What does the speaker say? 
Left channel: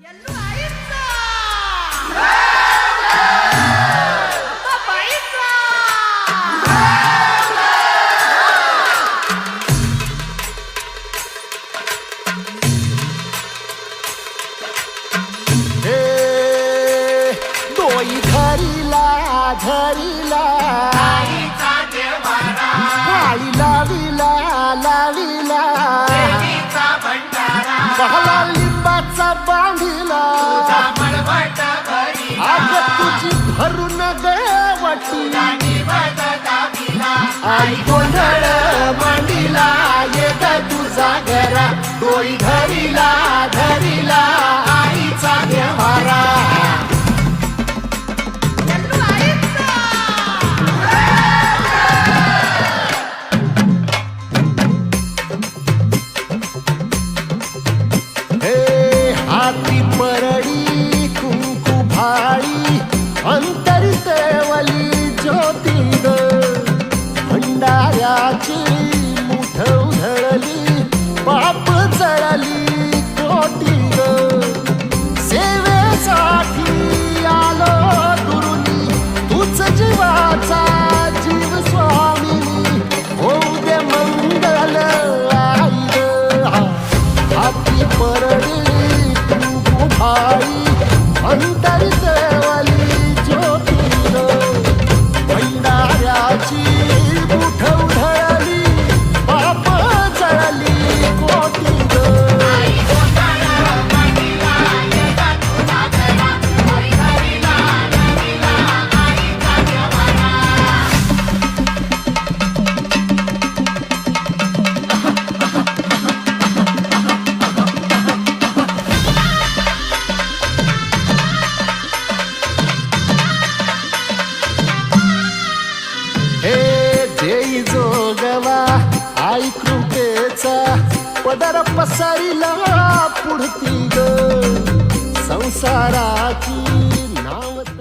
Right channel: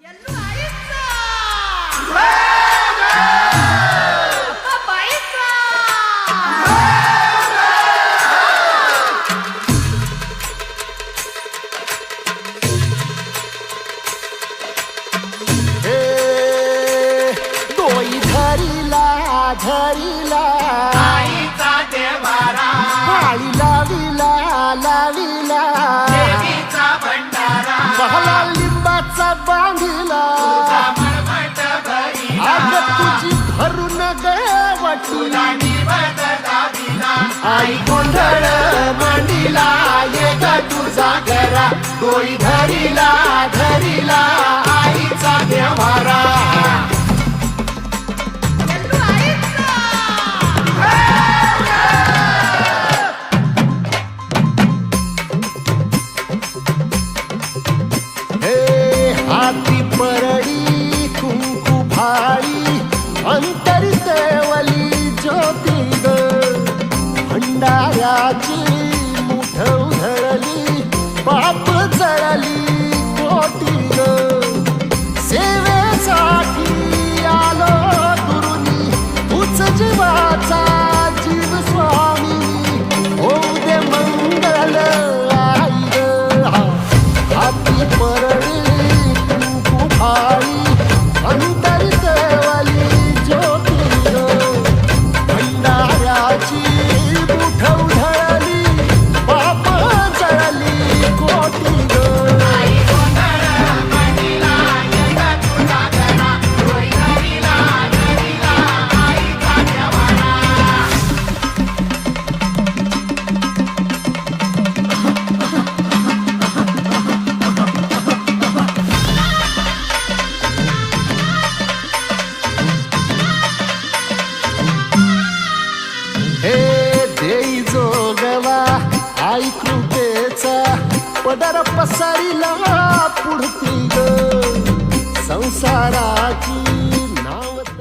ಎಲ್ಲೂ ಆಯ್ತ ಅಪ್ಪ ಬಾಯ್ತ हे डोई धरिला धरिला बाळी लाविला लाविला बहला लिंबाचा बांधिला आग तुझी भरून गवटी आई गोंधळ मांडीला ये ग तुझा घरा डोई धरिला धरिला आईचा देवारा ಎಲ್ಲೂ ಆಯ್ತ हे हाती परडी कुंकू भाळी अंतरितवली ज्योती ग भंडाऱ्याची मुठ उधळली पाप जळली कोटी ग सेवेसाठी आलो दुरुनी तूच जीवाचा जीव स्वामिनी होऊ दे मंगल आई ग हाती परडी कुंकू भाळी अंतरितवली ज्योती ग भंडाऱ्याची मुठ उधळली पाप जळली कोटी ग हे देई जोगवा आई कृपेचा पदर पसरिला पुढती ग संसाराची नावत